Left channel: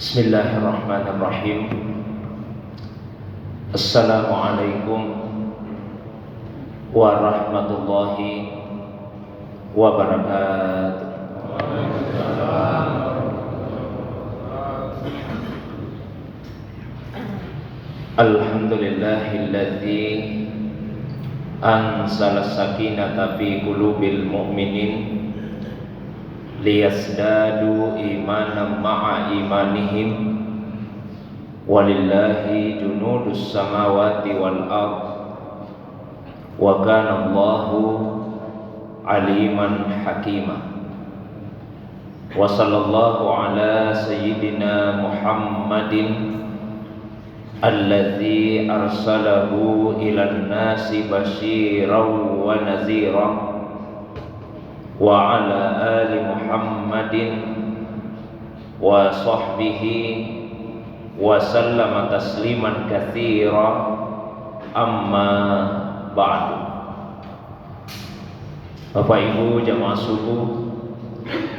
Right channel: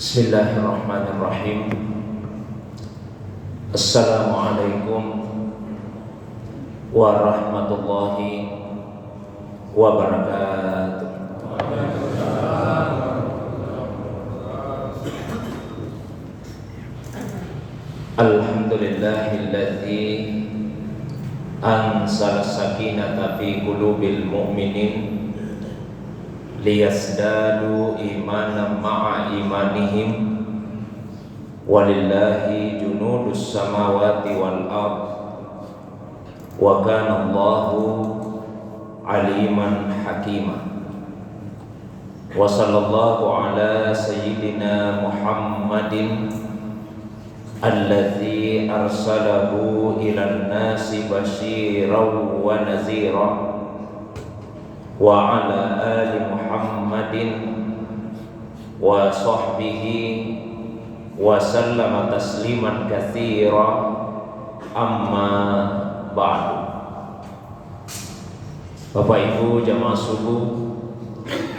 Bismillahirrahmanirrahim. Assalamualaikum warahmatullahi wabarakatuh. Alhamdulillahilladzi anzala sakinata fi qulubil mu'minin liyasdadu imanan ma'a imanihim walillahi junudus samawati wal ard wa kana Allahu aliman hakima. Wa sallallahu ala sayyidina Muhammadin alladzi arsalahu ilan nasi basyiran wa naziran wa ala ali Muhammadin wa sahbihi wa sallama tasliman katsira, amma ba'du. Bapak Ibu jamaah subuh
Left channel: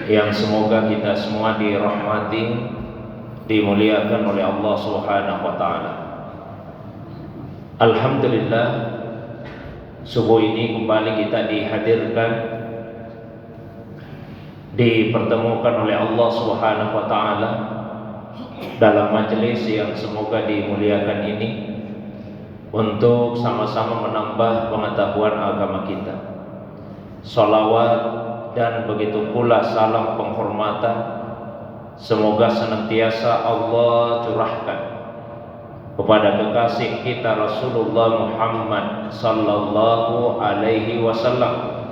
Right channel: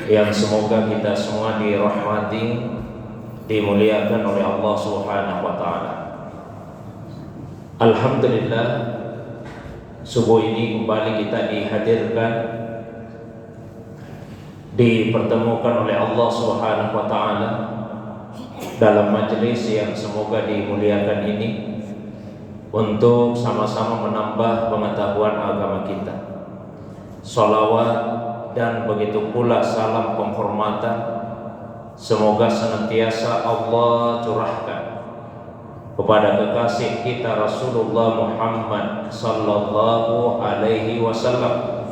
yang semoga kita semua dirahmati, dimuliakan oleh Allah Subhanahu wa taala. Alhamdulillah, subuh ini kembali kita dihadirkan, dipertemukan oleh Allah Subhanahu wa taala dalam majelis yang semoga dimuliakan ini untuk sama-sama menambah pengetahuan agama kita. Shalawat dan begitu pula salam penghormatan semoga senantiasa Allah curahkan kepada kekasih kita Rasulullah Muhammad sallallahu alaihi wasallam,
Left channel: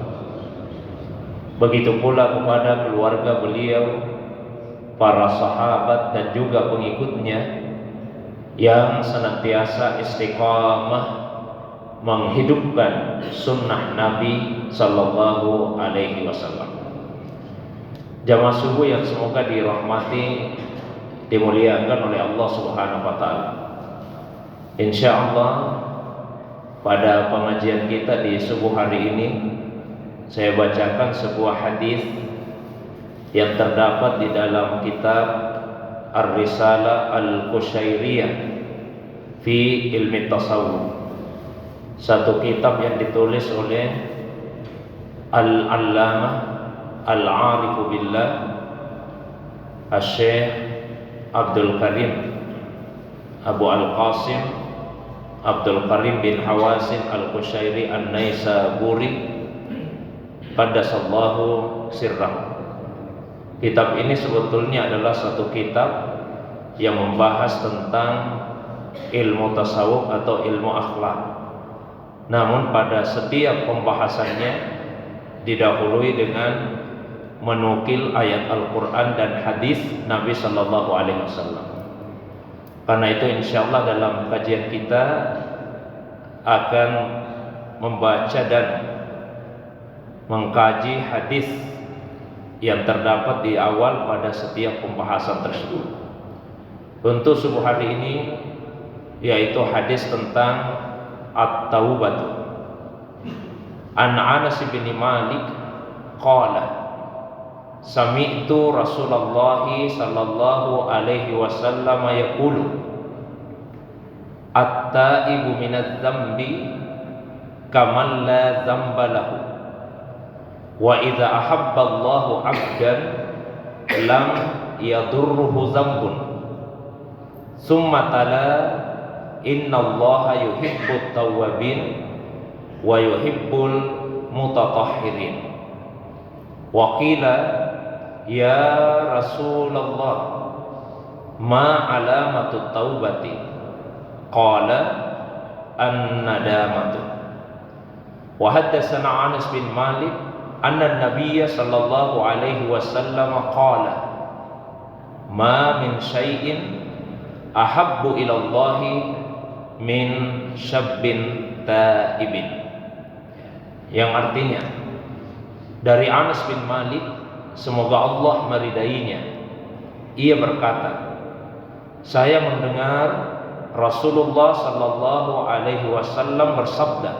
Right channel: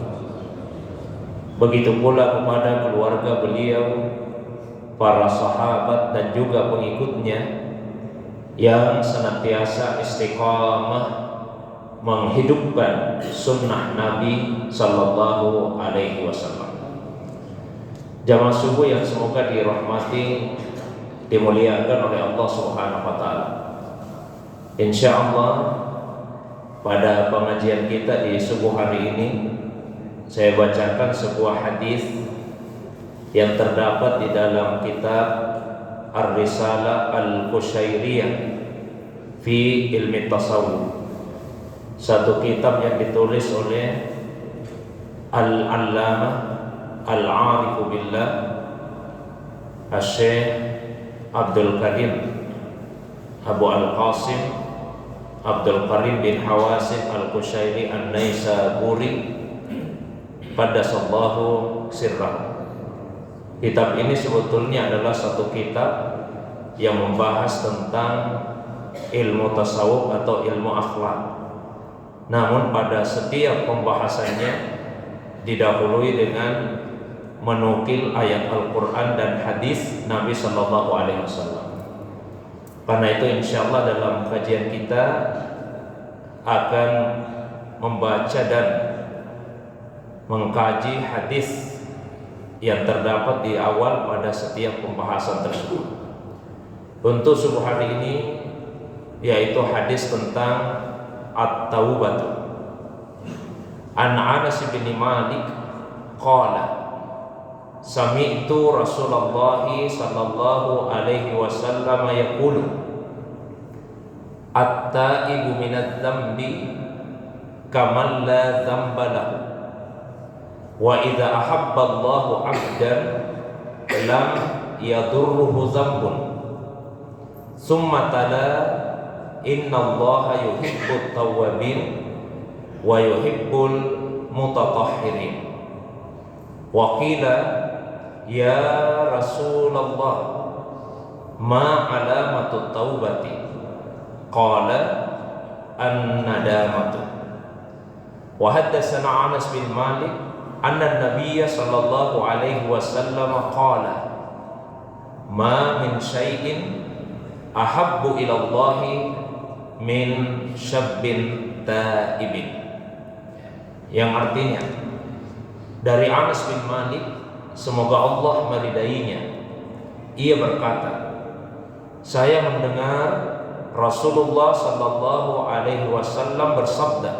begitu pula kepada keluarga beliau, para sahabat dan juga pengikutnya yang senantiasa istiqamah menghidupkan sunnah Nabi sallallahu alaihi wasallam. Jamaah subuh yang semoga dirahmati, dimuliakan oleh Allah Subhanahu wa taala. Insyaallah pada pengajian kita di subuh hari ini saya bacakan sebuah hadis yang terdapat di dalam kitab Ar-Risalah Al-Qushairiyah fi Ilmi Tasawuf, satu kitab yang ditulis oleh Al-Allamah Al-Arifu Billah Asy-Syaikh Abdul Karim Abu Al-Qasim Abdul Karim bin Hawasin Al-Qushairi An-Naisaburi Qaddasallahu sirrah. Kitab ini sebetulnya adalah satu kitab yang membahas tentang ilmu tasawuf atau ilmu akhlak. Namun pada setiap pembahasannya didahului dengan menukil ayat Al-Quran dan hadis Nabi Sallallahu Alaihi Wasallam. Karena itu insyaallah dalam kajian kita akan membaca dan mengkaji hadis yang terdapat di awal pada setiap pembahasan tersebut. Untuk subuh hari ini yaitu hadis tentang at-taubah. An Anas bin Malik qala sami'tu Rasulullah sallallahu alaihi wasallam yaqulu at-taibu minadz-dzambi kaman la dzamba lahu wa idza ahabba Allahu 'abdan lam yadurruhu dzambun summa tala innallaha yuhibbut tawwabin wa yuhibbul mutatahhirin. Wa qila ya Rasulullah ma alamatut taubati qala an-nadamatu. Wa haddatsana Anas bin Malik anna Nabiyya sallallahu alaihi wasallam qala ma min syai'in ahabbu ila Allahi min syabbin taibin, yang artinya dari Anas bin Malik, semoga Allah meridainya, ia berkata, saya mendengar Rasulullah sallallahu alaihi wasallam bersabda,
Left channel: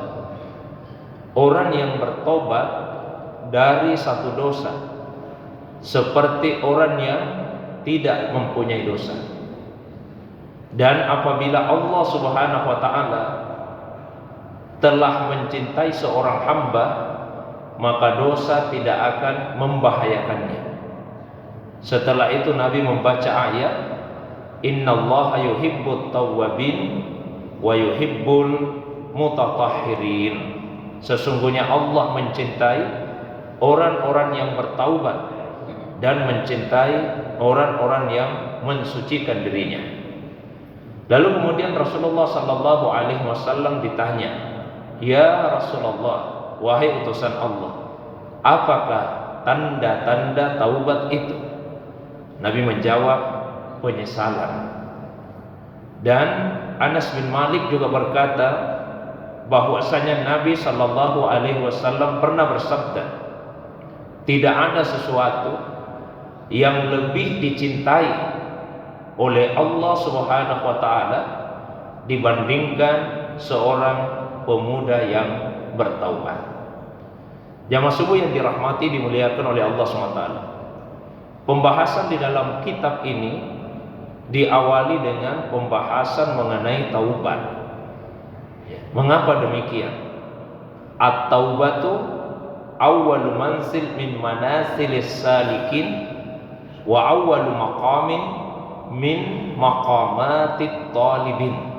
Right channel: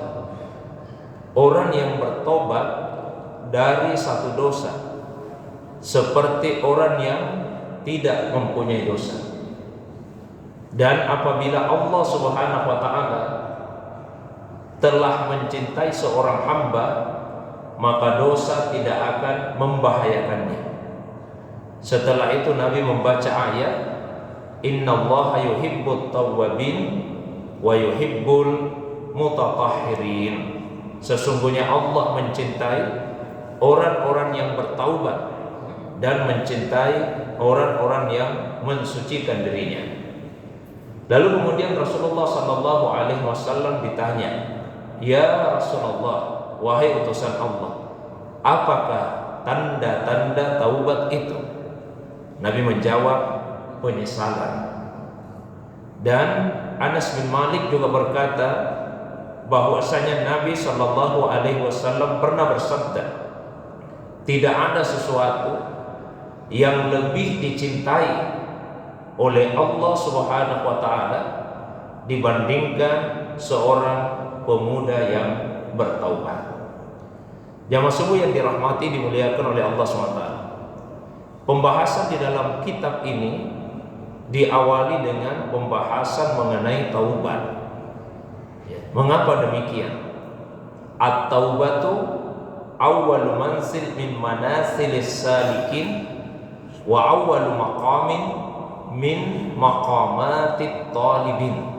orang yang bertobat dari satu dosa seperti orang yang tidak mempunyai dosa. Dan apabila Allah Subhanahu wa taala telah mencintai seorang hamba, maka dosa tidak akan membahayakannya. Setelah itu Nabi membaca ayat, innallaha yuhibbut tawwabin wa yuhibbul mutatahhirin. Sesungguhnya Allah mencintai orang-orang yang bertaubat dan mencintai orang-orang yang mensucikan dirinya. Lalu kemudian Rasulullah sallallahu alaihi wasallam ditanya, "Ya Rasulullah, wahai utusan Allah, apakah tanda-tanda taubat itu?" Nabi menjawab, penyesalan. Dan Anas bin Malik juga berkata bahwasanya Nabi sallallahu alaihi wasallam pernah bersabda, tidak ada sesuatu yang lebih dicintai oleh Allah Subhanahu wa taala dibandingkan seorang pemuda yang bertaubat. Jamaah subuh yang dirahmati, dimuliakan oleh Allah SWT. Pembahasan di dalam kitab ini diawali dengan pembahasan mengenai taubat. Mengapa demikian? At-taubatu awwalu manzil min manasilis salikin wa awwalu maqamin min maqamatit talibin.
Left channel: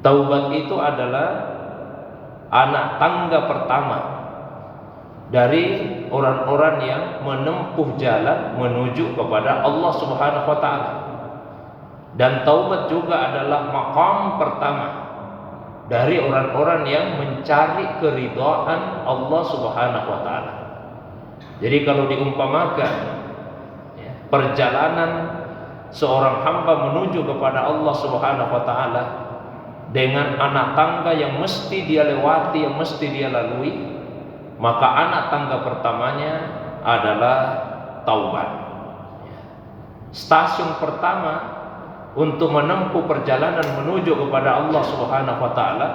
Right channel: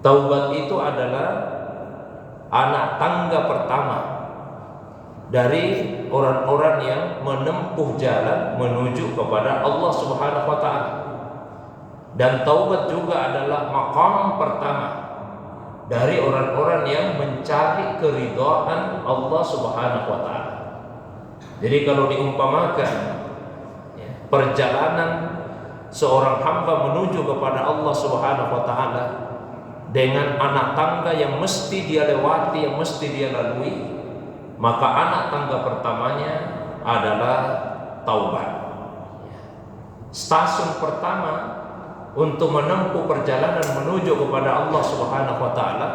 Taubat itu adalah anak tangga pertama dari orang-orang yang menempuh jalan menuju kepada Allah Subhanahu wa taala. Dan taubat juga adalah maqam pertama dari orang-orang yang mencari keridhaan Allah Subhanahu wa taala. Jadi kalau diumpamakan perjalanan seorang hamba menuju kepada Allah Subhanahu wa taala dengan anak tangga yang mesti dia lewati, yang mesti dia lalui, maka anak tangga pertamanya adalah taubat. Stasiun pertama untuk menempuh perjalanan menuju kepada Allah Subhanahu wa taala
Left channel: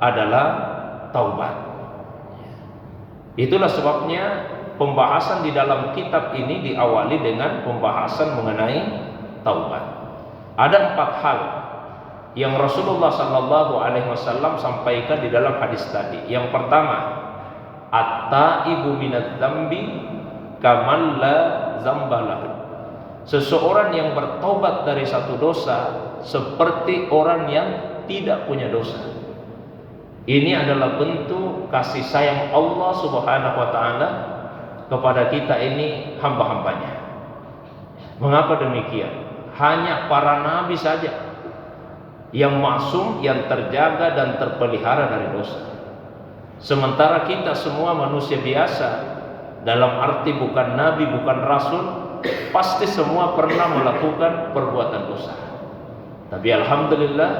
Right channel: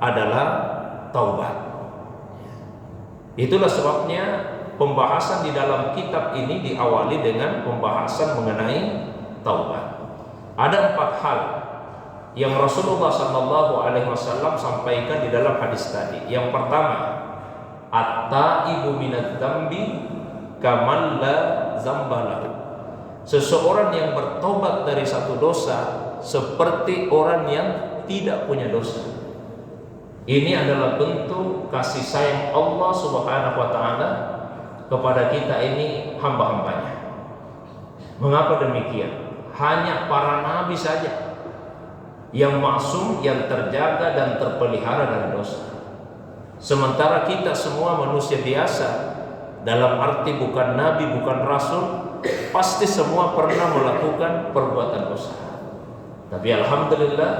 adalah taubat. Itulah sebabnya pembahasan di dalam kitab ini diawali dengan pembahasan mengenai taubat. Ada 4 hal yang Rasulullah sallallahu alaihi wasallam sampaikan di dalam hadis tadi. Yang pertama, at-taibu minadz dzambi kaman la dzambalahu. Seseorang yang bertobat dari satu dosa seperti orang yang tidak punya dosa. Ini adalah bentuk kasih sayang Allah Subhanahu wa taala kepada kita ini hamba-hambanya. Mengapa demikian? Hanya para nabi saja yang maksum, yang terjaga dan terpelihara dari dosa. Sementara kita semua manusia biasa, dalam arti bukan nabi, bukan rasul, pasti semua pernah melakukan perbuatan dosa. Tapi alhamdulillah,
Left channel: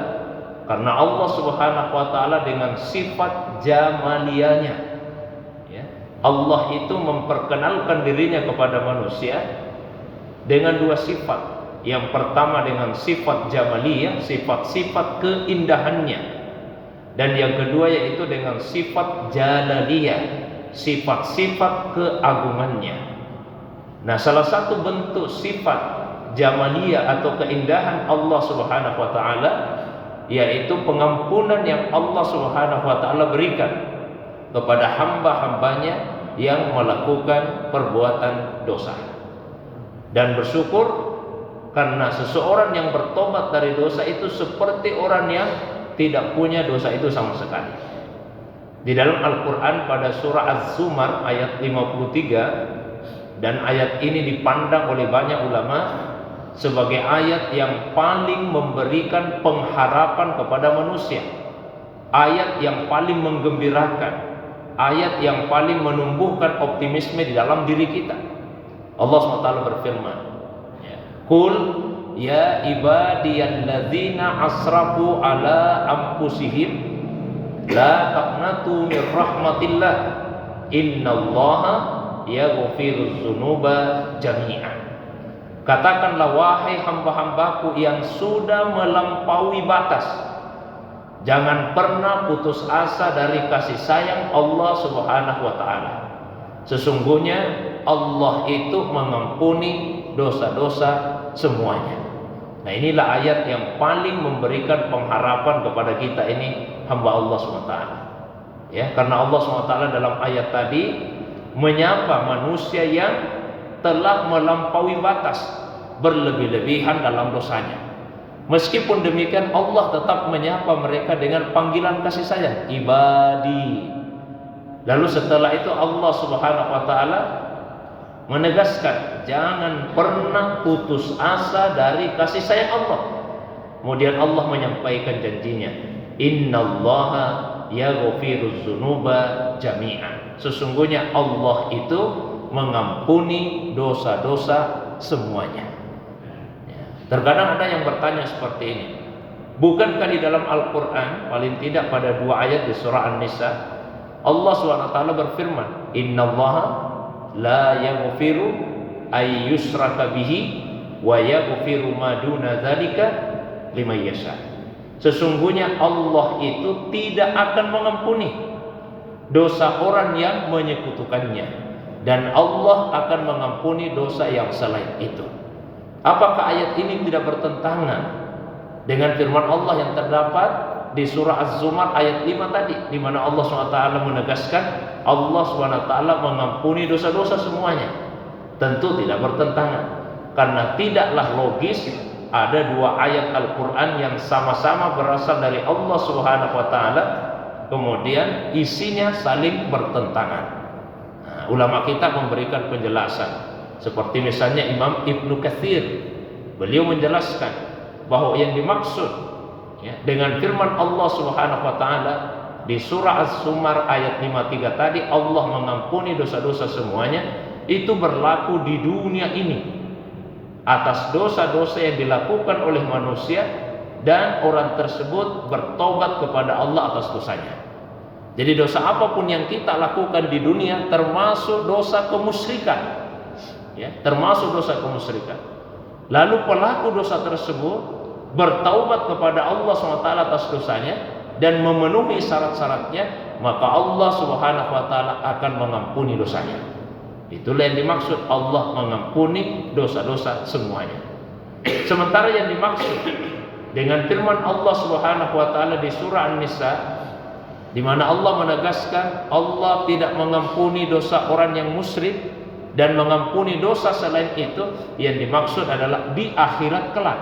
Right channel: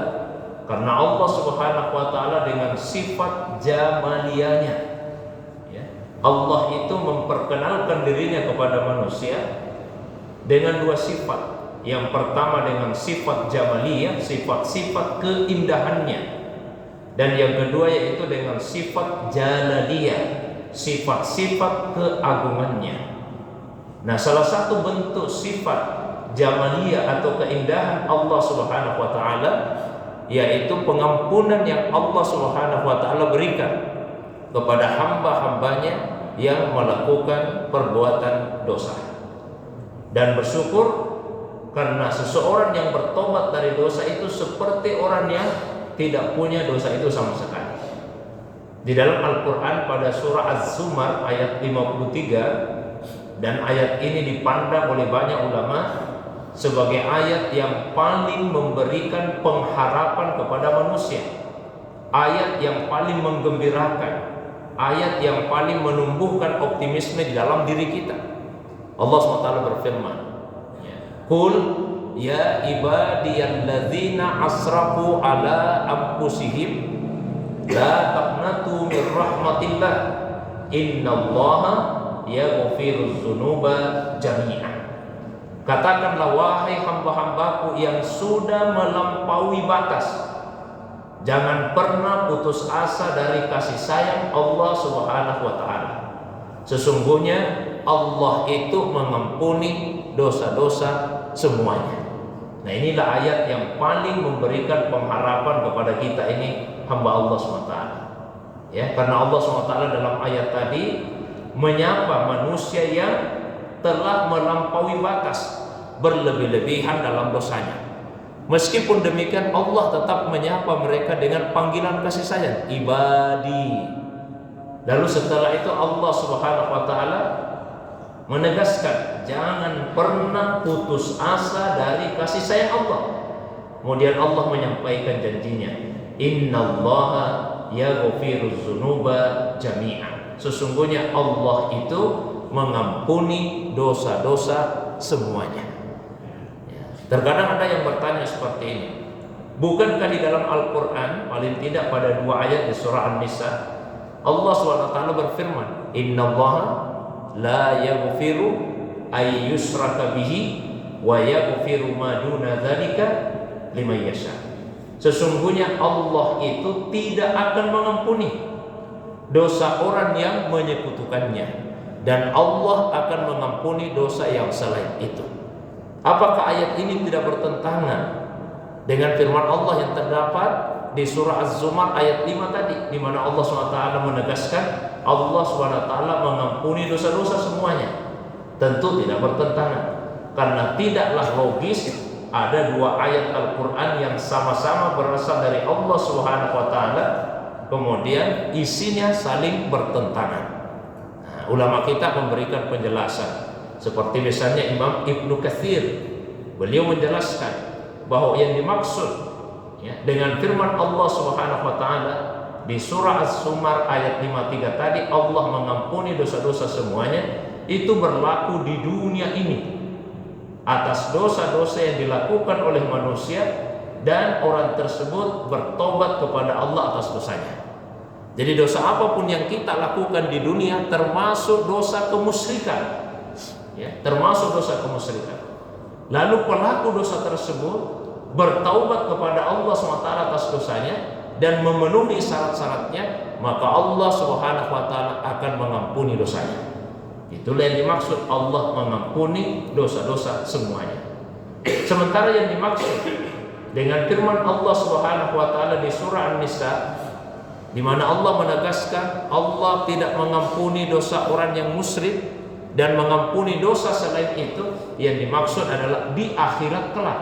karena Allah Subhanahu wa taala dengan sifat jamaliyahnya, Allah itu memperkenalkan dirinya kepada manusia dengan 2 sifat. Yang pertama dengan sifat jamaliyah, sifat-sifat keindahannya, dan yang kedua yaitu dengan sifat jalaliyah, sifat-sifat keagungannya. Nah, salah satu bentuk sifat jamaliyah atau keindahan Allah Subhanahu wa taala yaitu pengampunan yang Allah Subhanahu wa taala berikan kepada hamba-hambanya yang melakukan perbuatan dosa. Dan bersyukur karena seseorang yang bertobat dari dosa itu seperti orang yang tidak punya dosa itu sama sekali. Di dalam Al-Quran pada surah Az-Zumar ayat 53, dan ayat ini dipandang oleh banyak ulama sebagai ayat yang paling memberikan pengharapan kepada manusia, ayat yang paling menggembirakan, ayat yang paling menumbuhkan optimisme di dalam diri kita. Allah SWT berfirman, Qul ya ibadiyalladzina asrafu ala anfusihim la taqnatu min rahmatillah innallaha yaghfiruz dzunuba jami'an. Katakanlah wahai hamba-hambaku yang sudah melampaui batas, jangan pernah putus asa dari kasih sayang Allah Subhanahu wa taala. Sesungguhnya Allah itu mengampuni dosa-dosa semuanya. Nah, inilah ayat yang paling memberikan pengharapan kepada kita ini hamba Allah SWT. Ya, karena Allah SWT dalam ayat tadi menyapa manusia yang telah melampaui batas, berlebih-lebihan dalam dosanya. Meskipun demikian Allah tetap menyapa mereka dengan panggilan kasih sayang, ibadi. Lalu setelah itu Allah Subhanahu wa taala menegaskan jangan pernah putus asa dari kasih sayang Allah. Kemudian Allah menyampaikan janjinya, innallaha yaghfiruz dzunuba jami'an. Sesungguhnya Allah itu mengampuni dosa-dosa semuanya. Terkadang ada yang bertanya seperti ini, bukankah di dalam Al-Quran paling tidak pada 2 ayat di surah An-Nisa Allah SWT berfirman, innallaha la yaghfiru ay yusraka bihi wa yaghfiru ma duna dzalika liman yasha. Sesungguhnya Allah itu tidak akan mengampuni dosa orang yang menyekutukannya, dan Allah akan mengampuni dosa yang selain itu. Apakah ayat ini tidak bertentangan dengan firman Allah yang terdapat di surah Az-Zumar ayat 5 tadi, di mana Allah SWT menegaskan Allah SWT mengampuni dosa-dosa semuanya? Tentu tidak bertentangan, karena tidaklah logis ada 2 ayat Al-Quran yang sama-sama berasal dari Allah SWT kemudian isinya saling bertentangan. Nah, ulama kita memberikan penjelasan, seperti misalnya Imam Ibnu Katsir, beliau menjelaskan bahwa yang dimaksud dengan firman Allah Subhanahu wa taala di surah Az-Zumar ayat 53 tadi, Allah mengampuni dosa-dosa semuanya, itu berlaku di dunia ini atas dosa-dosa yang dilakukan oleh manusia dan orang tersebut bertobat kepada Allah atas dosanya. Jadi dosa apapun yang kita lakukan di dunia termasuk dosa kemusyrikan, termasuk dosa kemusyrikan. Lalu pelaku dosa tersebut bertaubat kepada Allah SWT atas dosanya dan memenuhi syarat-syaratnya, maka Allah Subhanahu wa taala akan mengampuni dosanya. Itulah yang dimaksud Allah mengampuni dosa-dosa semuanya. Sementara yang dimaksud dengan firman Allah Subhanahu wa taala di surah An-Nisa, di mana Allah menegaskan Allah tidak mengampuni dosa orang yang musyrik dan mengampuni dosa selain itu, yang dimaksud adalah di akhirat kelak.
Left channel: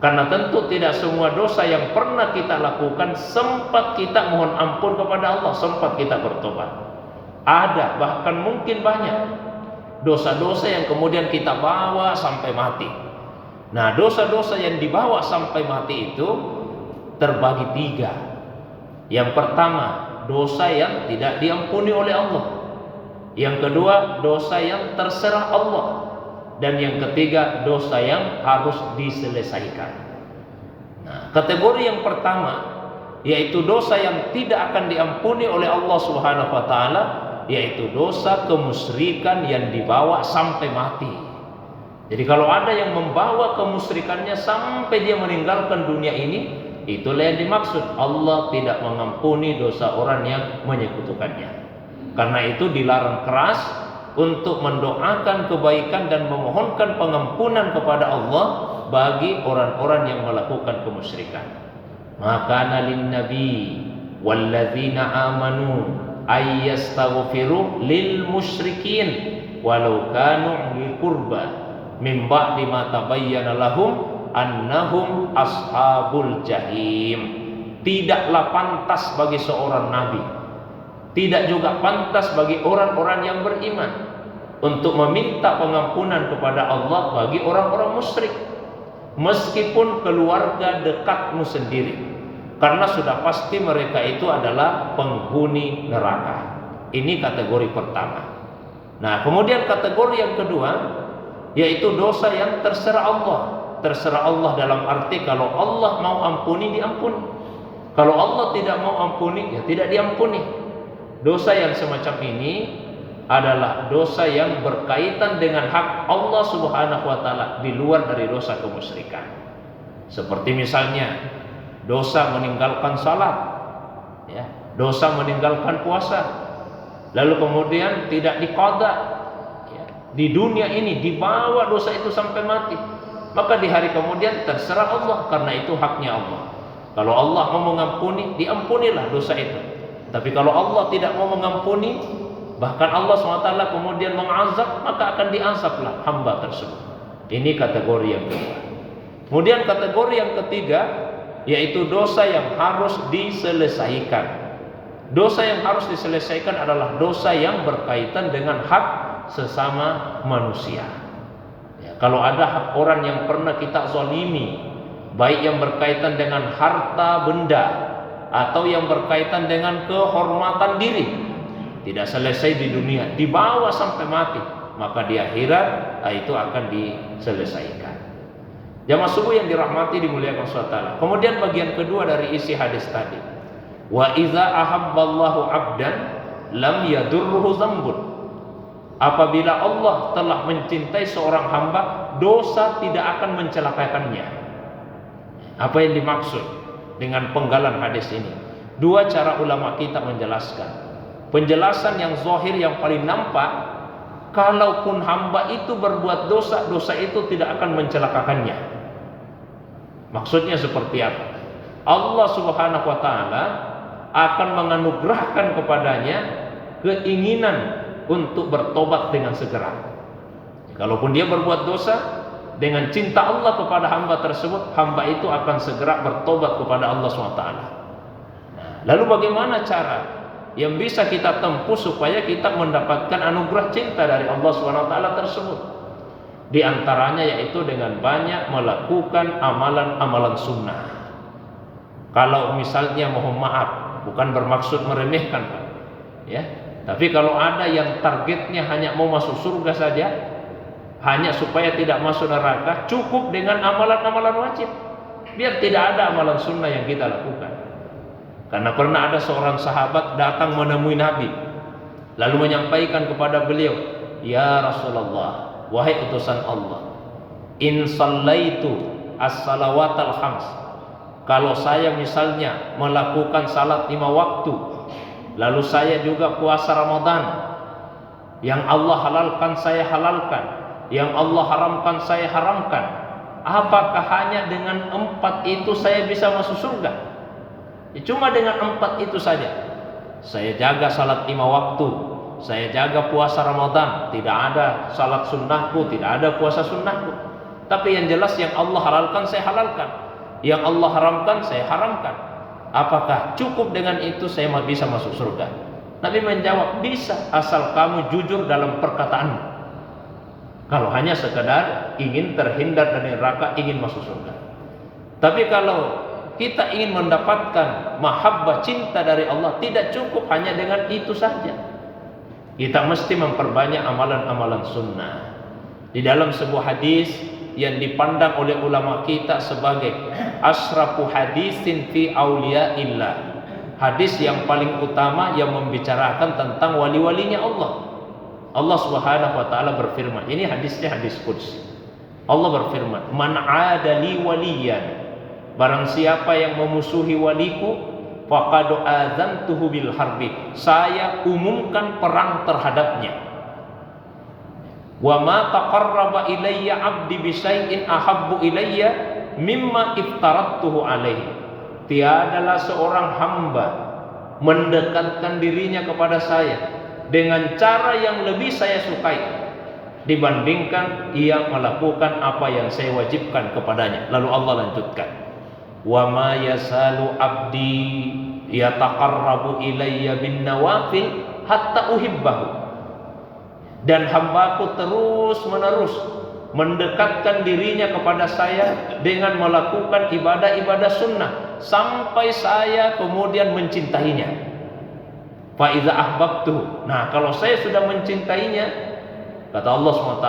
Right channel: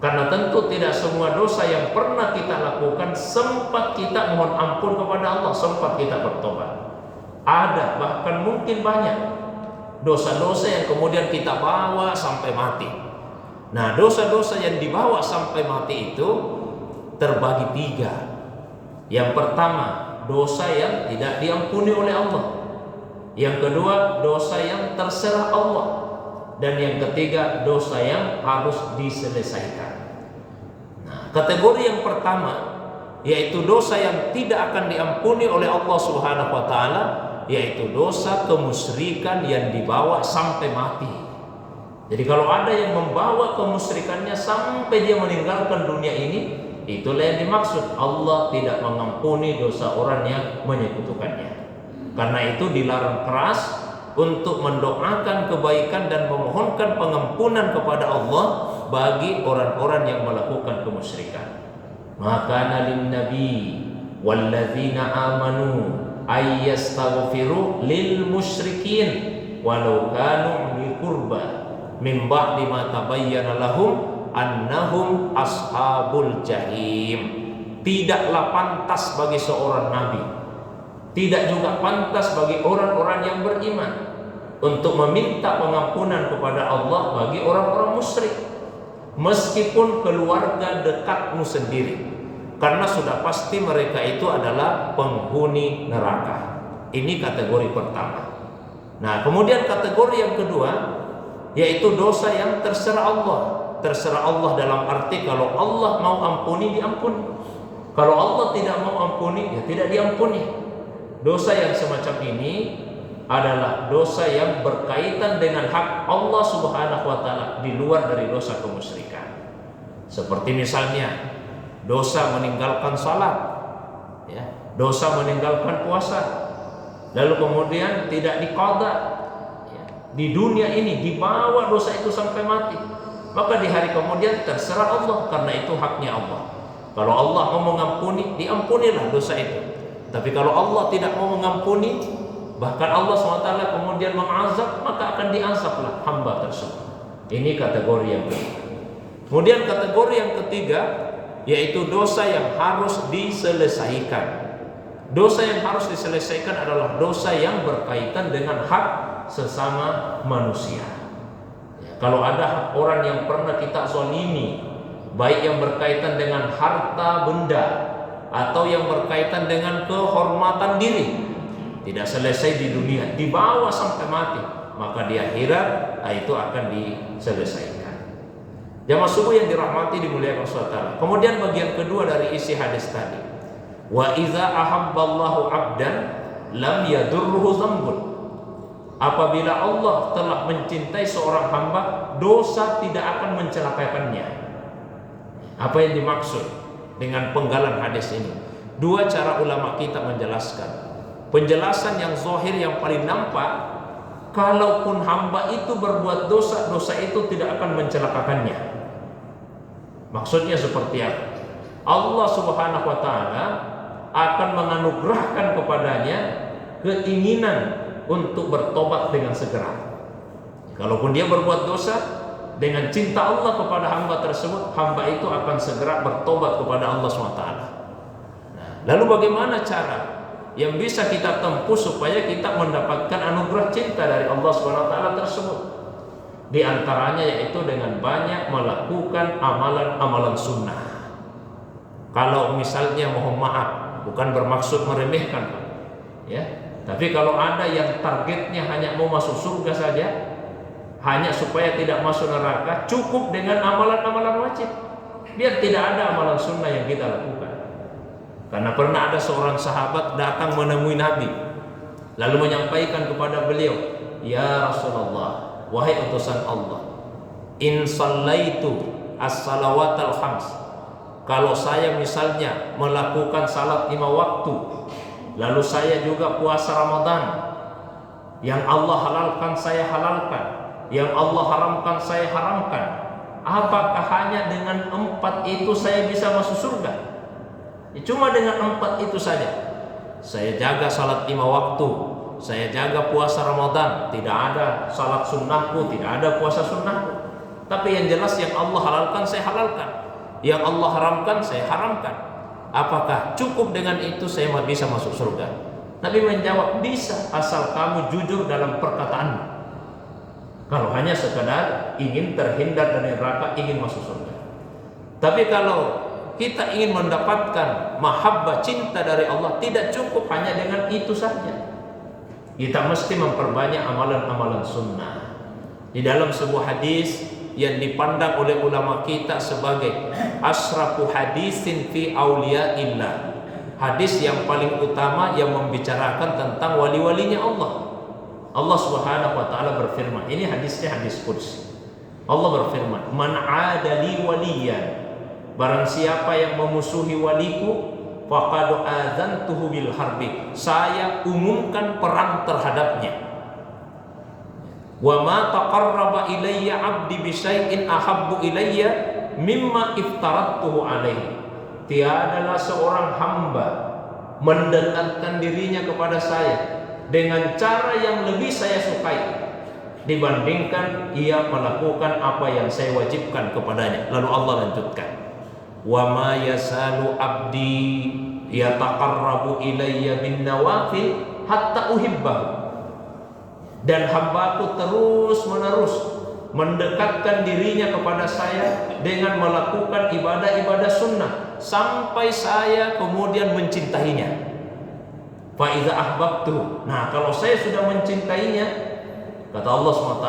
Karena tentu tidak semua dosa yang pernah kita lakukan sempat kita mohon ampun kepada Allah, sempat kita bertobat. Ada, bahkan mungkin banyak dosa-dosa yang kemudian kita bawa sampai mati. Nah, dosa-dosa yang dibawa sampai mati itu terbagi 3. Yang pertama, dosa yang tidak diampuni oleh Allah. Yang kedua, dosa yang terserah Allah. Dan yang ketiga, dosa yang harus diselesaikan. Nah, kategori yang pertama, yaitu dosa yang tidak akan diampuni oleh Allah Subhanahu wa taala, yaitu dosa kemusyrikan yang dibawa sampai mati. Jadi kalau ada yang membawa kemusyrikannya sampai dia meninggalkan dunia ini, itulah yang dimaksud Allah tidak mengampuni dosa orang yang menyekutukannya. Karena itu dilarang keras untuk mendoakan kebaikan dan memohonkan pengampunan kepada Allah bagi orang-orang yang melakukan kemusyrikan. Maka lin nabi walladzina amanu ayyastaghfiru lil musyrikin walau kanu li qurba min ba'di ma tabayyana lahum annahum ashabul jahim. Tidaklah pantas bagi seorang nabi, tidak juga pantas bagi orang-orang yang beriman untuk meminta pengampunan kepada Allah bagi orang-orang musyrik, meskipun keluarga dekatmu sendiri, karena sudah pasti mereka itu adalah penghuni neraka. Ini kategori pertama. Nah, kemudian kategori yang kedua, yaitu dosa yang terserah Allah. Terserah Allah dalam arti kalau Allah mau ampuni, diampuni. Kalau Allah tidak mau ampuni, ya tidak diampuni. Dosa yang semacam ini adalah dosa yang berkaitan dengan hak Allah Subhanahu wa taala di luar dari dosa kemusyrikan. Seperti misalnya dosa meninggalkan salat, dosa meninggalkan puasa, lalu kemudian tidak diqadha, di dunia ini, dibawa dosa itu sampai mati, maka di hari kemudian terserah Allah, karena itu haknya Allah. Kalau Allah mau mengampuni, diampunilah dosa itu. Tapi kalau Allah tidak mau mengampuni, bahkan Allah SWT kemudian mengazab, maka akan diazablah hamba tersebut. Ini kategori yang kedua. Kemudian kategori yang ketiga, yaitu dosa yang harus diselesaikan. Dosa yang harus diselesaikan adalah dosa yang berkaitan dengan hak sesama manusia. Ya, kalau ada orang yang pernah kita zalimi, baik yang berkaitan dengan harta benda atau yang berkaitan dengan kehormatan diri, tidak selesai di dunia, dibawa sampai mati, maka di akhirat itu akan diselesaikan. Jamaah subuh yang dirahmati, dimuliakan Allah. Kemudian bagian kedua dari isi hadis tadi, wa iza ahabballahu abdan lam yadurruhu dzambun. Apabila Allah telah mencintai seorang hamba, dosa tidak akan mencelakakannya. Apa yang dimaksud dengan penggalan hadis ini? Dua cara ulama kita menjelaskan. Penjelasan yang zahir, yang paling nampak, kalaupun hamba itu berbuat dosa, dosa itu tidak akan mencelakakannya. Maksudnya seperti apa? Allah Subhanahu wa taala akan menganugerahkan kepadanya keinginan untuk bertobat dengan segera. Kalaupun dia berbuat dosa, dengan cinta Allah kepada hamba tersebut, hamba itu akan segera bertobat kepada Allah SWT. Lalu bagaimana cara yang bisa kita tempuh supaya kita mendapatkan anugerah cinta dari Allah SWT tersebut? Di antaranya yaitu dengan banyak melakukan amalan-amalan sunnah. Kalau misalnya, mohon maaf, bukan bermaksud meremehkan, Pak, ya. Tapi kalau ada yang targetnya hanya mau masuk surga saja, hanya supaya tidak masuk neraka, cukup dengan amalan-amalan wajib, biar tidak ada amalan sunnah yang kita lakukan. Karena pernah ada seorang sahabat datang menemui Nabi, lalu menyampaikan kepada beliau, ya Rasulullah, wahai utusan Allah, in sallaitu as-salawatal khams, kalau saya misalnya melakukan salat 5 waktu, lalu saya juga puasa Ramadan, yang Allah halalkan saya halalkan, yang Allah haramkan saya haramkan, apakah hanya dengan 4 itu saya bisa masuk surga? Ya, cuma dengan 4 itu saja. Saya jaga salat 5 waktu, saya jaga puasa Ramadan, tidak ada salat sunnahku, tidak ada puasa sunnahku. Tapi yang jelas yang Allah halalkan saya halalkan, yang Allah haramkan saya haramkan. Apakah cukup dengan itu saya bisa masuk surga? Nabi menjawab, bisa, asal kamu jujur dalam perkataanmu. Kalau hanya sekadar ingin terhindar dari neraka, ingin masuk surga. Tapi kalau kita ingin mendapatkan mahabbah, cinta dari Allah, tidak cukup hanya dengan itu saja. Kita mesti memperbanyak amalan-amalan sunnah. Di dalam sebuah hadis yang dipandang oleh ulama kita sebagai asrafu hadisin fi auliyaillah, hadis yang paling utama yang membicarakan tentang wali-walinya Allah. Allah Subhanahu wa taala berfirman, ini hadisnya hadis qudsi. Allah berfirman, man adali waliyan, barang siapa yang memusuhi waliku, faqad adzantuhu bil harbi, saya umumkan perang terhadapnya. Wa ma taqarraba ilayya 'abdi bi syai'in ahabbu ilayya mimma iftaradtuhu alaihi. Tiadalah seorang hamba mendekatkan dirinya kepada saya dengan cara yang lebih saya sukai dibandingkan ia melakukan apa yang saya wajibkan kepadanya. Lalu Allah lanjutkan, wa ma yasalu abdi yataqarrabu ilayya bin nawafil hatta uhibbahu, dan hambaku terus menerus mendekatkan dirinya kepada saya dengan melakukan ibadah-ibadah sunnah sampai saya kemudian mencintainya. Fa iza ahbabtu, nah kalau saya sudah mencintainya, kata Allah SWT,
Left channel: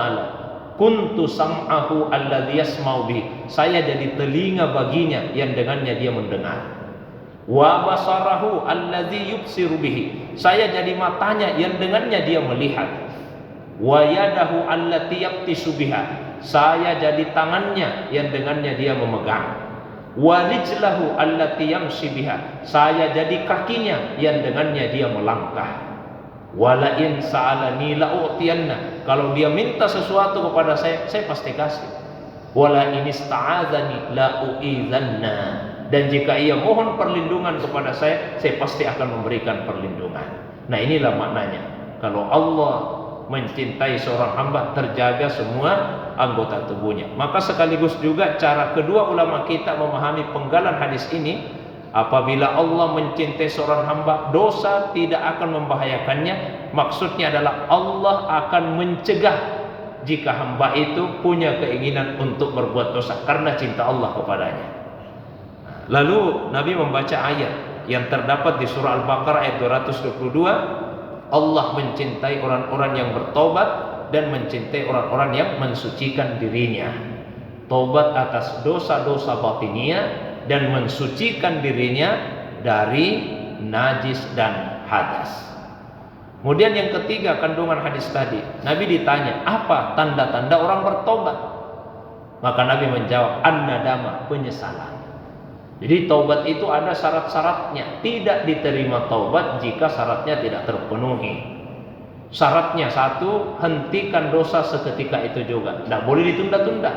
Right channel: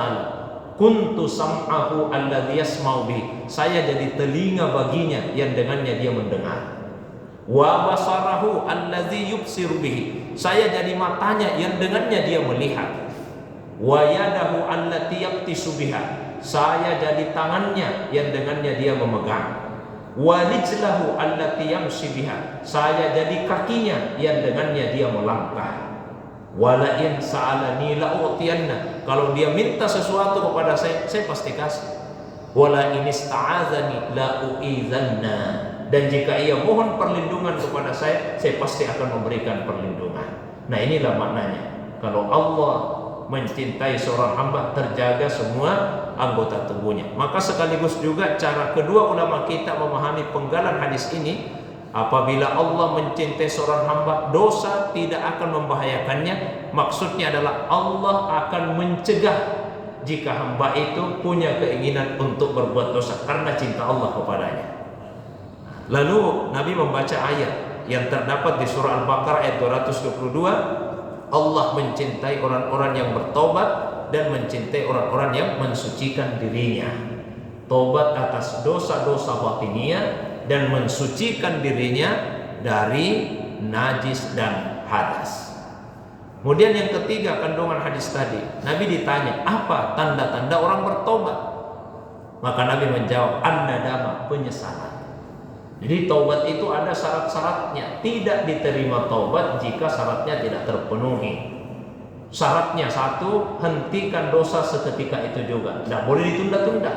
kuntu sam'ahu alladhi yasma'u bihi, saya jadi telinga baginya yang dengannya dia mendengar. Wa basarahu alladhi yubsiru bihi, saya jadi matanya yang dengannya dia melihat. Wa yadahu allati yabtisu biha, saya jadi tangannya yang dengannya dia memegang. Wa rijlahu allati yamshi biha, saya jadi kakinya yang dengannya dia melangkah. Wala in sa'alani la'utiyanna. Kalau dia minta sesuatu kepada saya pasti kasih. Wala in ista'adzani la'u'idzanna. Dan jika ia mohon perlindungan kepada saya pasti akan memberikan perlindungan. Nah, inilah maknanya. Kalau Allah mencintai seorang hamba, terjaga semua anggota tubuhnya. Maka sekaligus juga cara kedua ulama kita memahami penggalan hadis ini, apabila Allah mencintai seorang hamba, dosa tidak akan membahayakannya. Maksudnya adalah Allah akan mencegah jika hamba itu punya keinginan untuk berbuat dosa karena cinta Allah kepadanya. Lalu Nabi membaca ayat yang terdapat di surah Al-Baqarah ayat 222. Allah mencintai orang-orang yang bertobat dan mencintai orang-orang yang mensucikan dirinya. Tobat atas dosa-dosa batiniah dan mensucikan dirinya dari najis dan hadas. Kemudian yang ketiga kandungan hadis tadi, Nabi ditanya, apa tanda-tanda orang bertobat? Maka Nabi menjawab, an-nadama, penyesalan. Jadi taubat itu ada syarat-syaratnya. Tidak diterima taubat jika syaratnya tidak terpenuhi. Syaratnya satu, hentikan dosa seketika itu juga, tidak boleh ditunda-tunda.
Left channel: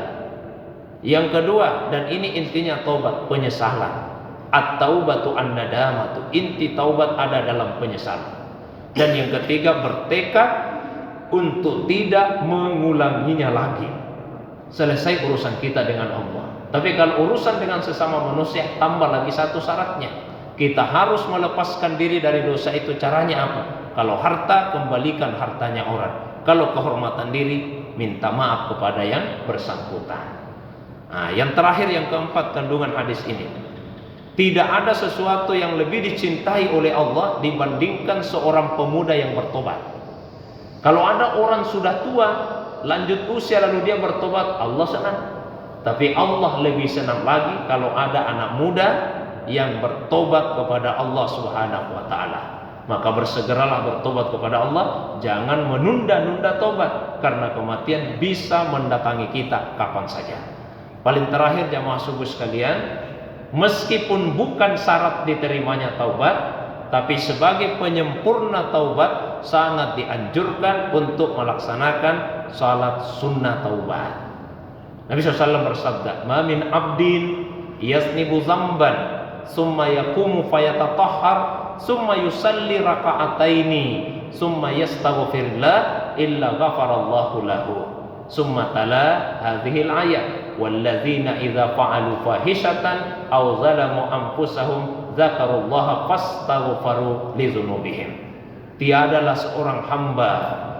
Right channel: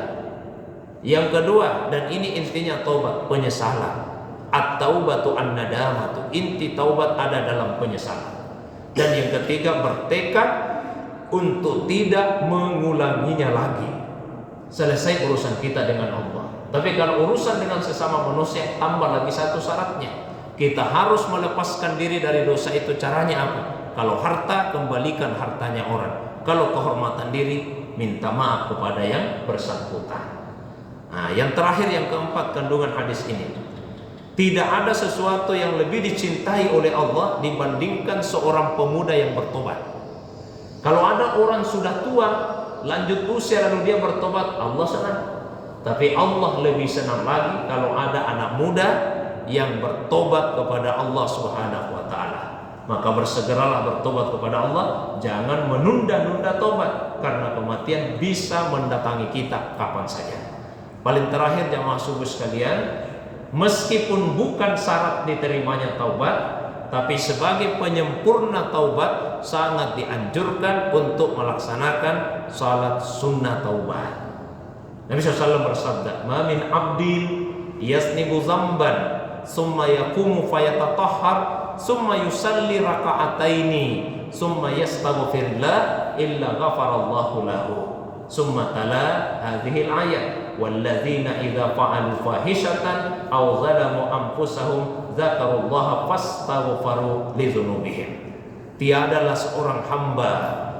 Yang kedua, dan ini intinya taubat, penyesalan. At-taubatu an-nadamatu, inti taubat ada dalam penyesalan. Dan yang ketiga, bertekad untuk tidak mengulanginya lagi. Selesai urusan kita dengan Allah. Tapi kalau urusan dengan sesama manusia, tambah lagi satu syaratnya. Kita harus melepaskan diri dari dosa itu. Caranya apa? Kalau harta, kembalikan hartanya orang. Kalau kehormatan diri, minta maaf kepada yang bersangkutan. Nah, yang terakhir, yang keempat kandungan hadis ini, tidak ada sesuatu yang lebih dicintai oleh Allah dibandingkan seorang pemuda yang bertobat. Kalau ada orang sudah tua, lanjut usia lalu dia bertobat, Allah senang. Tapi Allah lebih senang lagi kalau ada anak muda yang bertobat kepada Allah Subhanahu wa taala. Maka bersegeralah bertobat kepada Allah, jangan menunda-nunda tobat karena kematian bisa mendatangi kita kapan saja. Paling terakhir jamaah subuh sekalian, meskipun bukan syarat diterimanya taubat, tapi sebagai penyempurna taubat sangat dianjurkan untuk melaksanakan salat sunnah taubat. Nabi SAW bersabda, "Ma min abdin yasnibu zamban summa yaqumu fayatatahhar summa yusalli raka'ataini summa yastaghfirullah illa ghafarallahu lahu." Summa tala hadhil ayat, "Walladzina idza fa'alu fahishatan aw zalamu anfusahum dzakarullaha fastaghfaru lidzunubihim." Tiadalah seorang hamba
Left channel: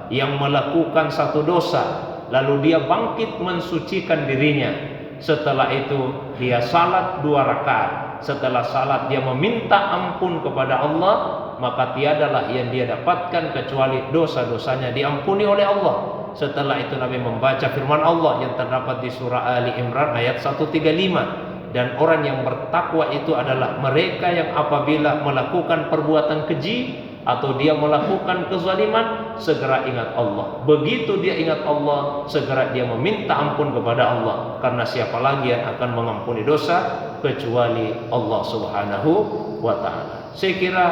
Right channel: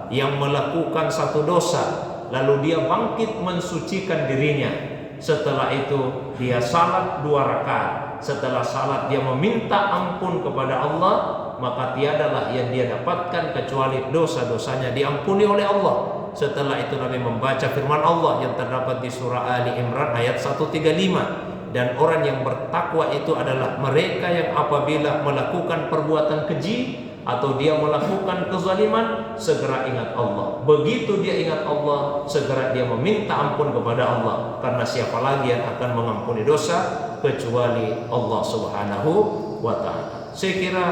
yang melakukan satu dosa lalu dia bangkit mensucikan dirinya. Setelah itu dia salat 2 rakaat. Setelah salat dia meminta ampun kepada Allah, maka tiadalah yang dia dapatkan kecuali dosa-dosanya diampuni oleh Allah. Setelah itu Nabi membaca firman Allah yang terdapat di surah Ali Imran ayat 135. Dan orang yang bertakwa itu adalah mereka yang apabila melakukan perbuatan keji atau dia melakukan kezaliman, segera ingat Allah. Begitu dia ingat Allah, segera dia meminta ampun kepada Allah. Karena siapa lagi yang akan mengampuni dosa kecuali Allah Subhanahu wa ta'ala. Saya kira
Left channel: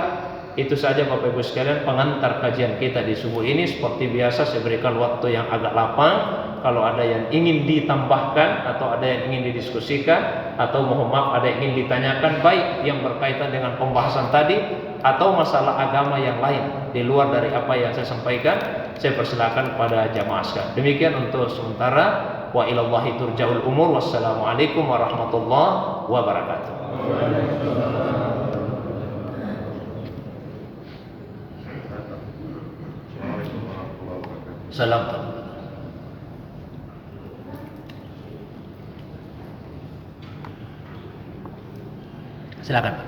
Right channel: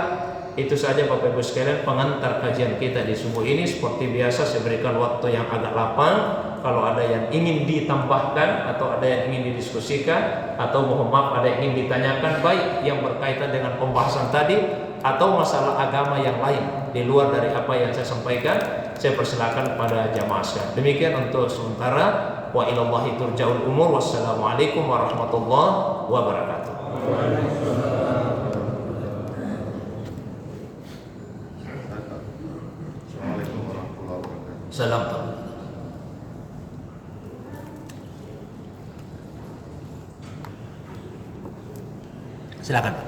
itu saja Bapak Ibu sekalian pengantar kajian kita di subuh ini. Seperti biasa saya berikan waktu yang agak lapang. Kalau ada yang ingin ditambahkan atau ada yang ingin didiskusikan atau mohon maaf ada yang ingin ditanyakan, baik yang berkaitan dengan pembahasan tadi atau masalah agama yang lain di luar dari apa yang saya sampaikan, saya persilakan pada jamaah sekalian. Demikian untuk sementara. Wa ilallahi turja'ul umur. Wassalamualaikum warahmatullahi wabarakatuh. Salam. Silakan Pak.